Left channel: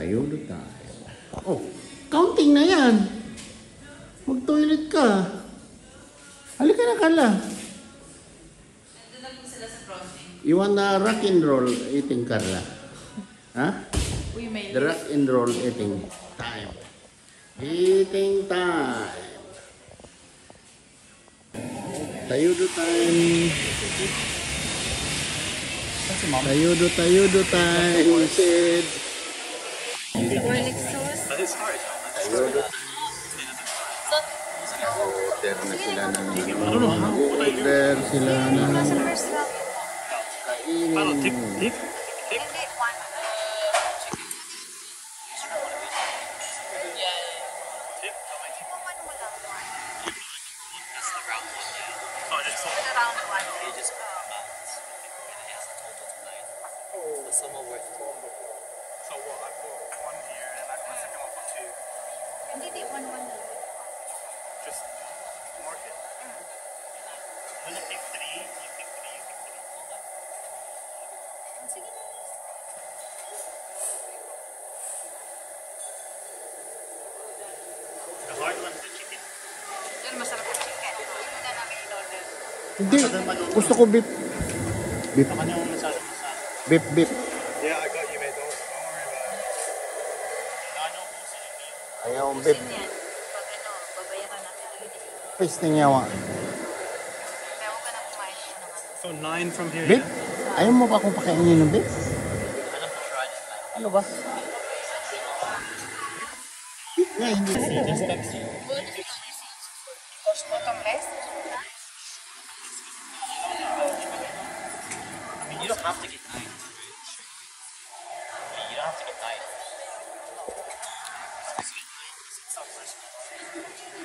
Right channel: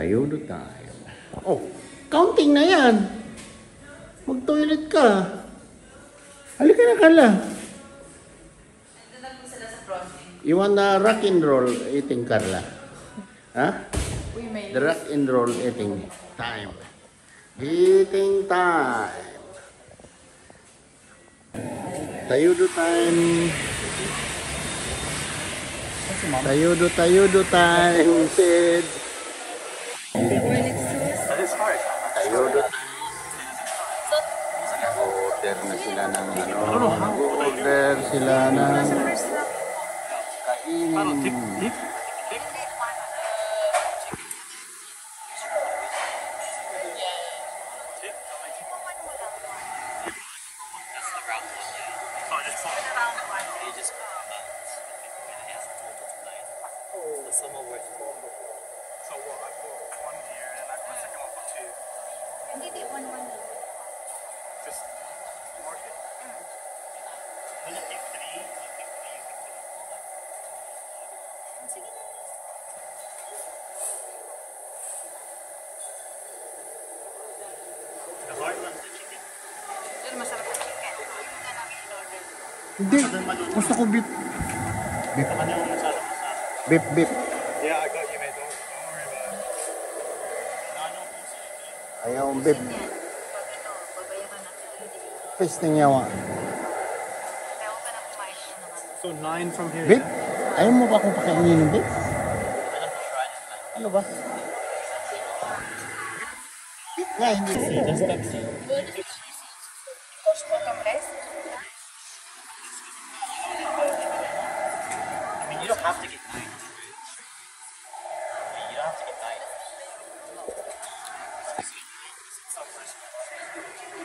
Tayo do tayo. Oh, counting na yan. Mag-toilet ka. Halika na, Carla. You wanna rock and roll eating, Carla? Huh? The rock and roll eating time. Eating time. Tayo do time. Tayo do time. Sid. That is hard. Tayo do time. Order na sila ng order sila ng Paano? Tip? So what? I put one here and I put second one for two. Hindi, one. Just mark it. I'm gonna pick three. You pick three. Sige na. The hard one's the chicken. Yan, masarap ang chicken. Hindi na namin in-order. Hindi. Gusto ko beef. Beef. Ano yung masyado masarap? Beef. Yeah, I got you, mate. Don't worry about it. Ayaw beef. Yan. Pag ito, babayaran natin. Tasting niya wa. Kaya ako ka na kumain naman. So 9 from here. Beef? Ayaw mo ba akong pakainin yung beef? Ano ba? Beef nga, hindi. Just Pepsi. Bottom rice? I mean, you don't have to get 9. You don't have to get 9.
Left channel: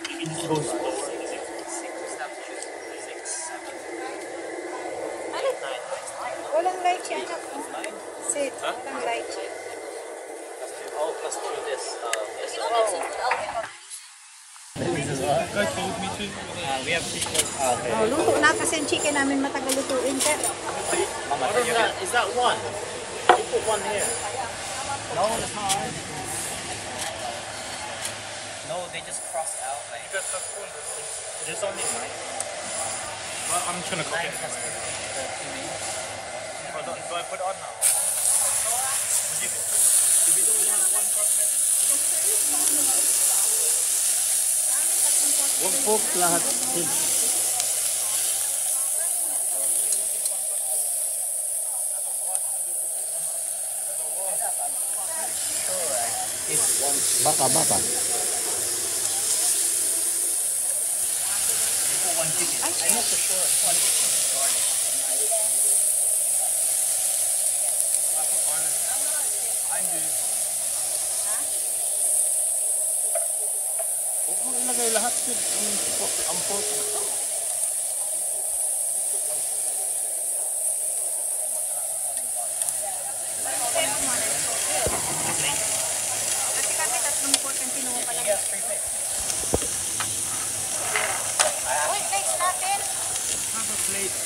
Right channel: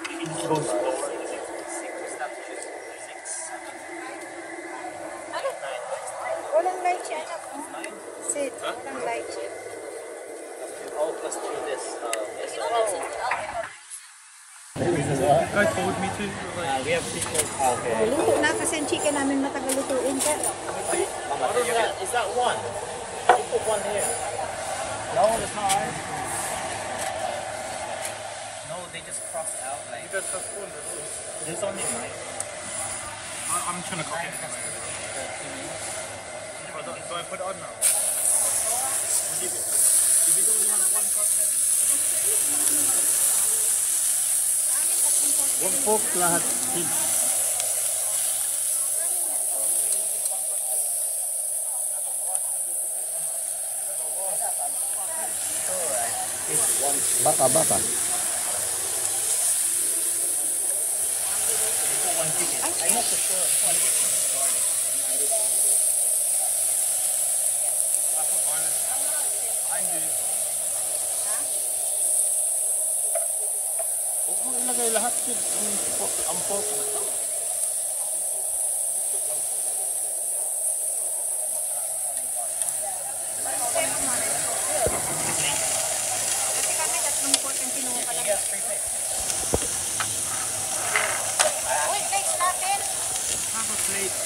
You can just go slower. 6, 7, 8, 9. Walang lychee, anak. Sit. Walang lychee. All plus 2 this. You guys told me to. We have people. Okay. Luto na kasi ang chicken namin matagal lutuin. Sir. Mama, is that one? You put one here. No, that's not ours. No, they just crossed out like. You guys have one. There's only 9. I'm just gonna cook it. Do I put it on now? Give it only have one cup left. One cook lahat. Baka. Behind you. Huwag mo ilagay lahat yun. Ang pork. Kasi kami tatlong pork ang kinuha pa lang. Uy, plates natin. Have a plate.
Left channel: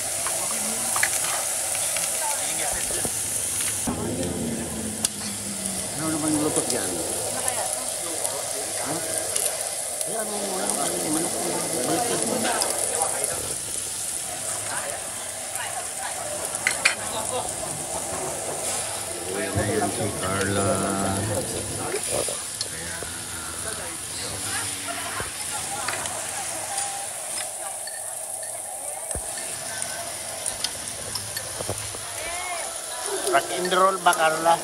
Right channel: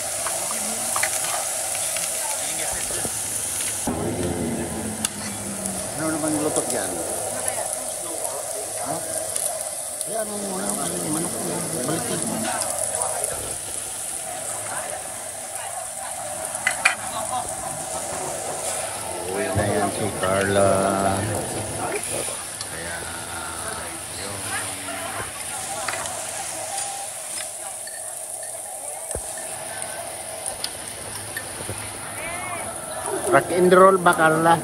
Ano naman yung lutot yan? Uwi na yan si Carla. Kaya yung rock and roll ba, Carla?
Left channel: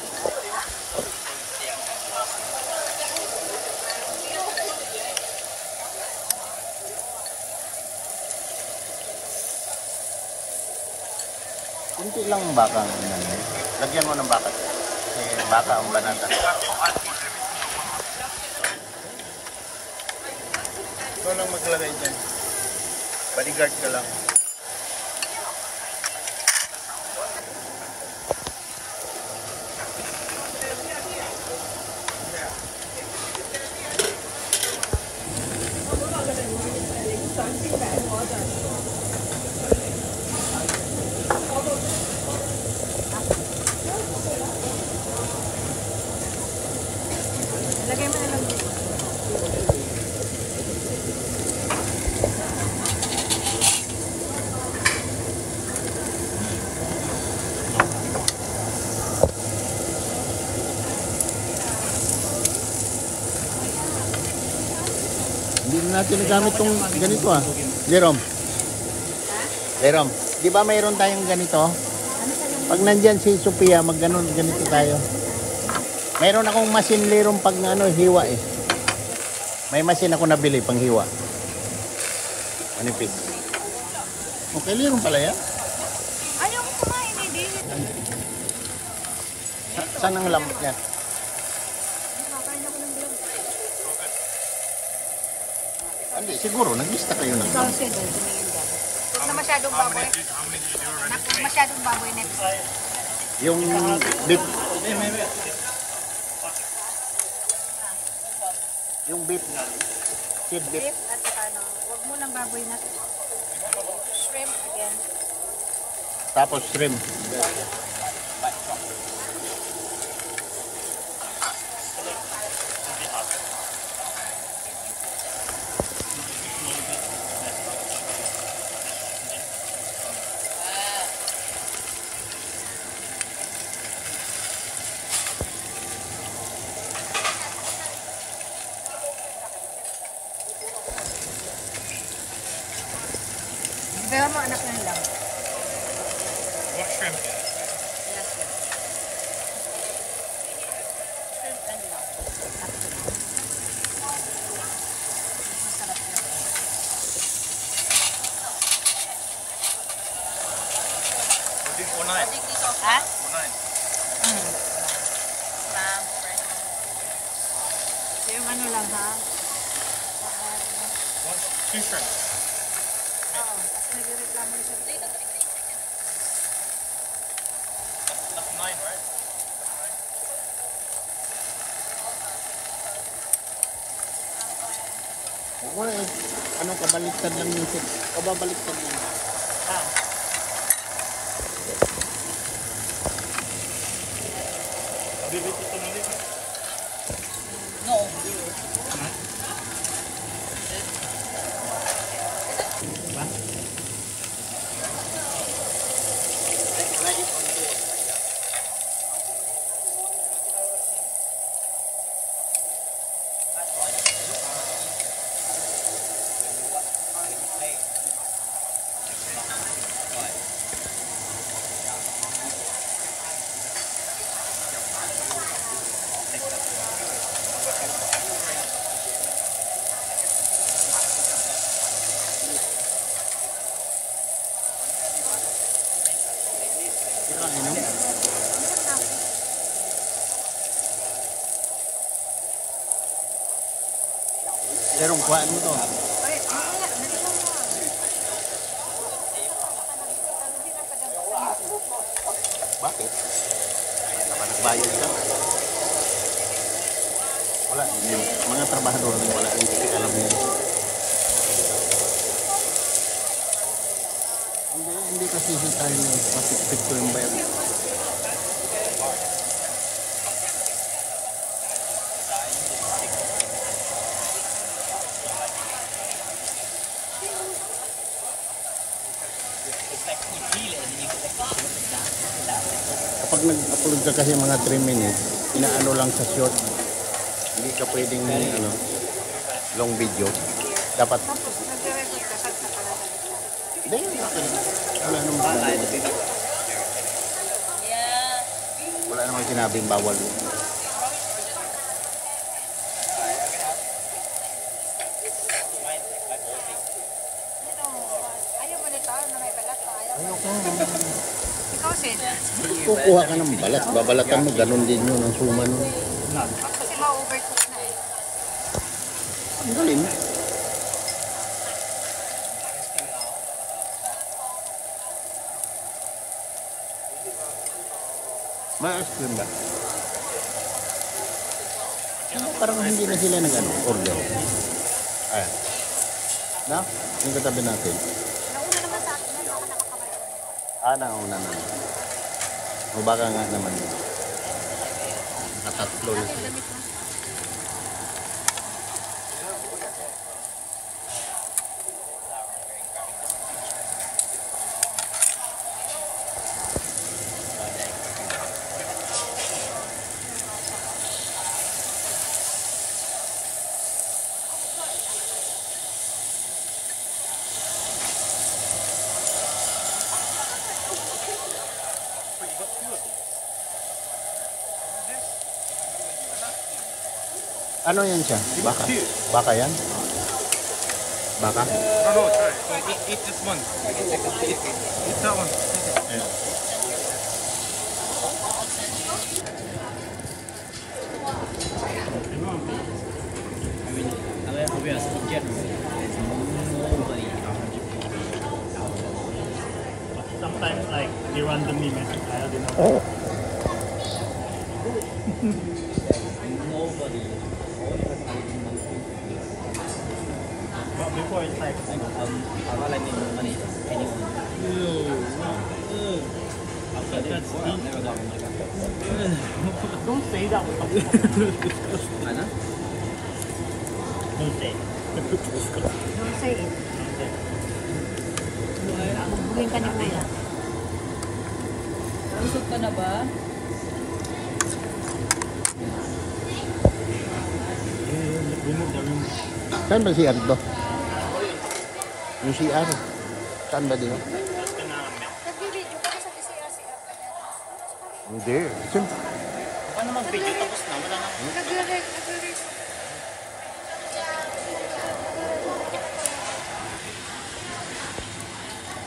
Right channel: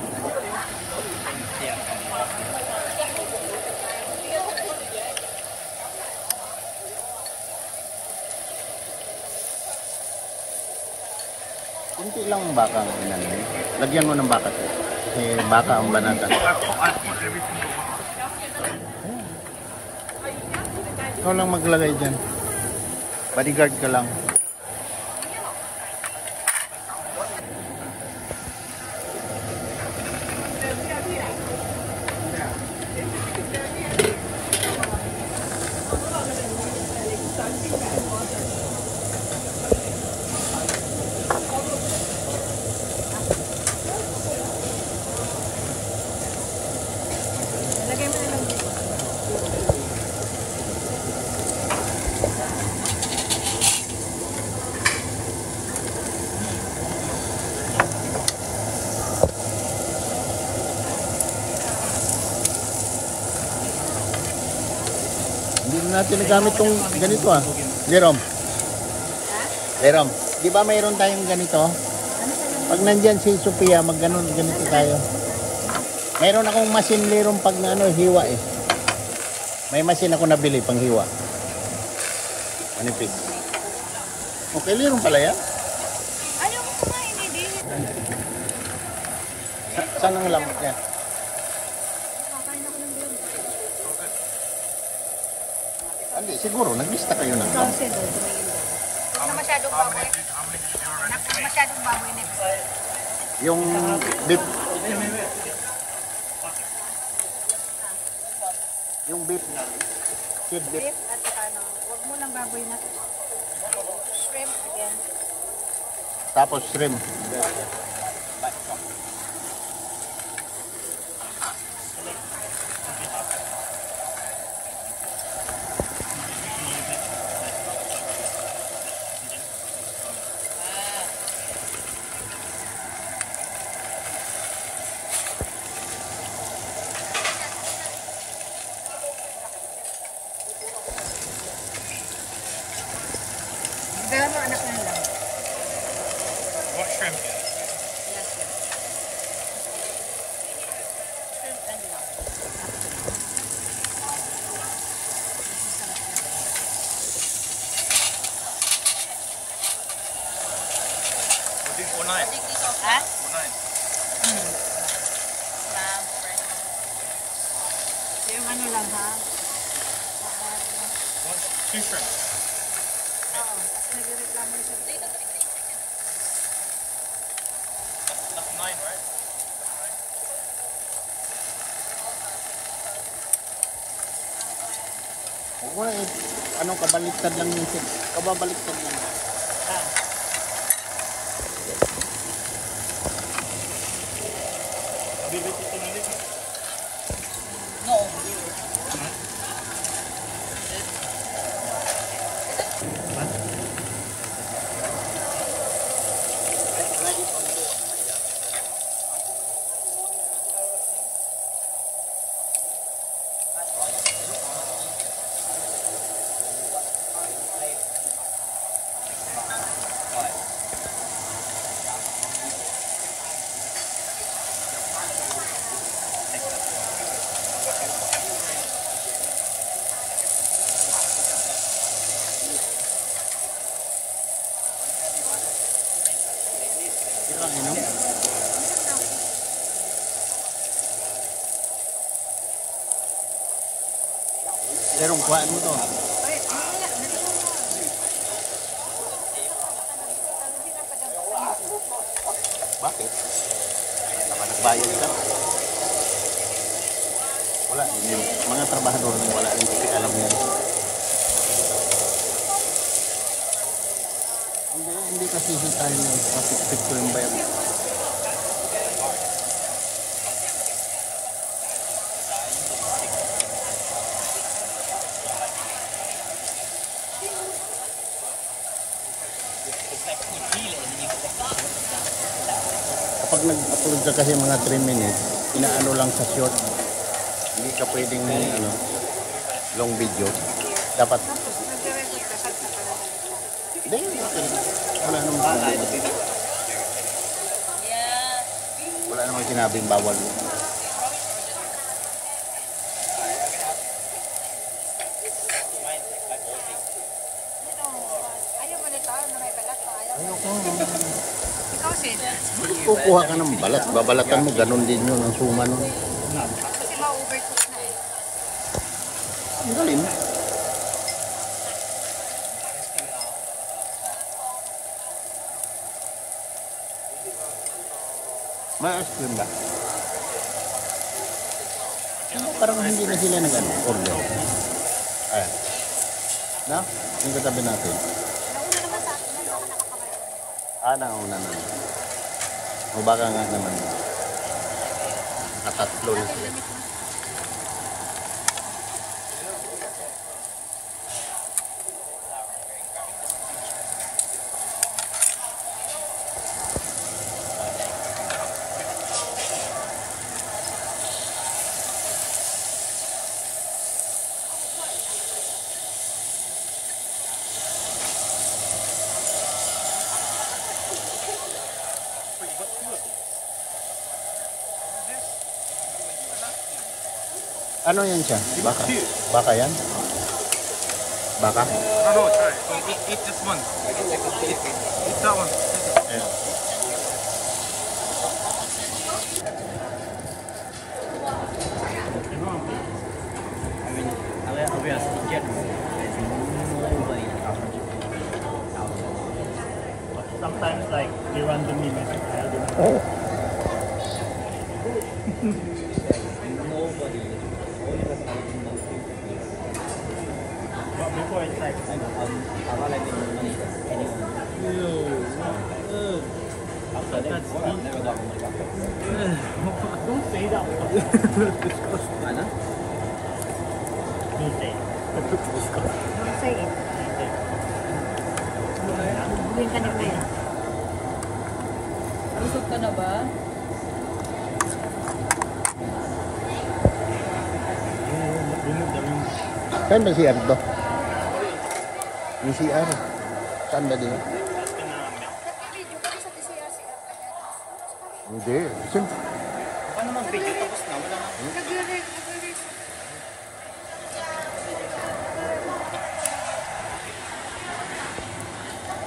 Kunti lang baka ng ano. Lagyan mo ng baka. Kasi baka ang banata. I put every single one on. Ikaw lang maglagay dyan. Bodyguard ka lang. natin nagamit tong ganito ah. Jerome. Jerome, di ba mayroon tayong ganito? Pag nandyan si Sophia, ganito tayo. Mayroon akong machine lirong pag ano, hiwa eh. May machine ako nabili pang hiwa. Manipis. Okay, lirong pala yan. Ayaw ko kumain eh, di. Saan ang lambot niya? Hindi, siguro, naglista kayo ng lambot. Na masyadong baboy. Na masyadong baboy na. Yung beef. Yung beef. Kid beef. Beef at saka ano, huwag mo lang baboy na. Shrimp again. Tapos shrimp. Pero mo anak na lang. What shrimp? Shrimp and lang. Masarap yan. We'll do 4.9. Ha? 4.9. Yung ano lang ha? Two shrimp. Oo. Kasi nagreklamo siya. That's 9, right? Wala eh. Ano, kabaliktad lang yung six. Kababaliktad lang. Ilang inom? Jerome, kuhaan mo to. Ay, wala. Nalito mo. Bakit? Baka nagbayad ka? Wala. Yung mga trabahador na wala. Hindi alam mo yan. Hindi kasi tayo na mapipikto yung bayan. Kapag nag-upload ka kasi mga 3 minutes, inaano lang sa short. Hindi ka pwedeng ano, long video. Dapat Tapos, nagre-record ka sa pala. na yun. Wala namang bawal. Wala namang sinabing bawal. Ayaw mo nito, ano may balat pa, ayaw. Ayoko. Ikaw, Sid. Kukuha ka ng balat. Babalatan mo, ganun din yun ang suman. Kasi ma-overcook na eh. Ang galing. May ice cream ba? Parang hindi na sila nag-ano, order. Ayan. Na? Yung katabi natin. Nauna naman sa akin, baka nakapamay. Nauna na. O baka nga naman. Nakatatlo na sila. Ano yan siya? Baka? Baka yan? Baka? No, try. Eat this one. Eat that one. Ayan. I mean, I'll be honest, in general, there's nobody out But sometimes, like, they randomly message Kyle. nobody. But before it's like, I know, I'll let them money anyone. After that, I've never got money back. don't say that. Ano? Don't say. Don't say it. Bubuhin ka ni Maya. Busog ka na ba? Remove the room. Saan ba si Ardo? Yung CR. Saan ba din? Nag-video ka sa DCRCR ka niya. Hindi. Siyempre. Paano mag-video tapos na? Wala na. Nag-record.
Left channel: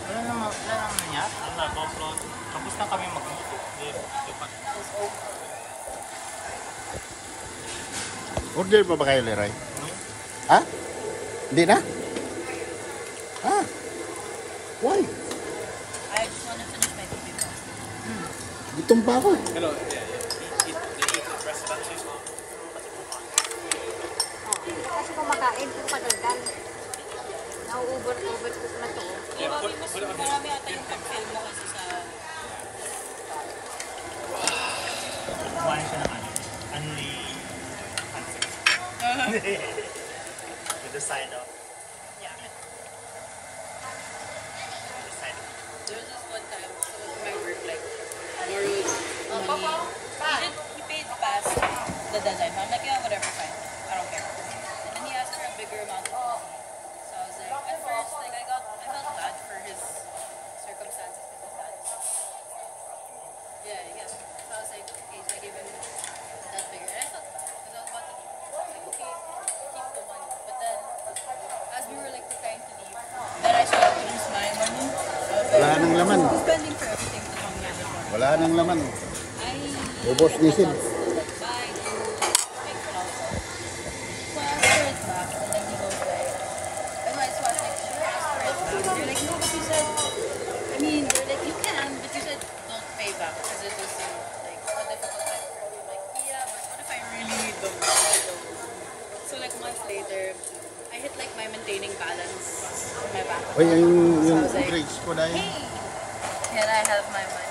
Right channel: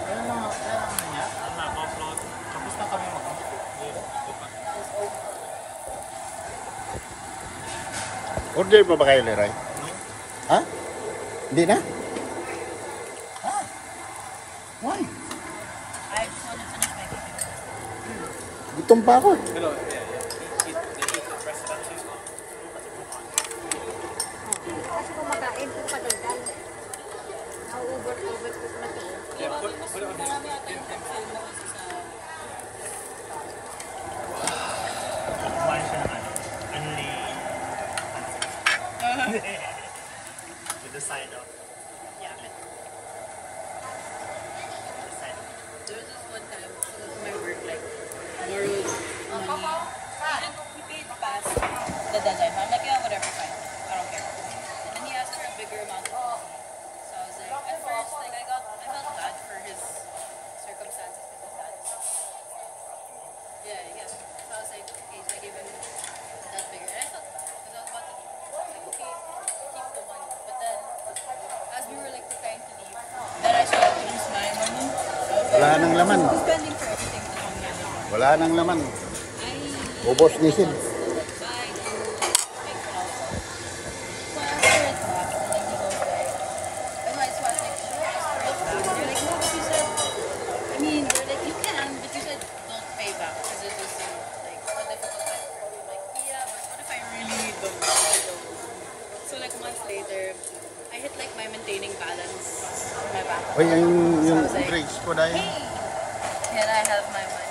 Kaya lang niya. Tapos na kami Order pa ba kayo, Leray? Ha? Hindi na? Ha? Why? I just want to finish my video. Gutom pa ako. Hello, yeah. Eat the rest of that cheese. Kasi kumakain, madaldal. Nauubot-ubot ko na to. Marami ata yung film mo kasi sa... Kumain siya ng ano, only with the sign of yaman. There was this one time, someone from my work, like, borrowed money. He paid past the deadline. I'm like, yeah, whatever, fine. I don't care. And then he asked for a bigger amount of money. So I was like, at first, like, I felt bad for his circumstances with his dad. Yeah, I guess. So I was like, okay, so I gave him that bigger. And I felt bad, because I was about to leave. So I was like, okay, keep the money. But then, as we were, like, preparing to leave, then I started to lose my money. I was Wala like, nang laman. who's spending for everything to come here? Wala nang laman. I Ubos diesel. buy to make for also. So I asked for it back, and then he goes like, and so I was like, should I ask for it back? They're like, no, but you said, I mean, they're like, you can, but you said don't pay back because it was like a difficult time for you. Like, yeah, but what if I really don't? So like months later, I hit like my maintaining balance in my bank Ay, account. yung So I was like, grades ko na yun. hey, can I have my money?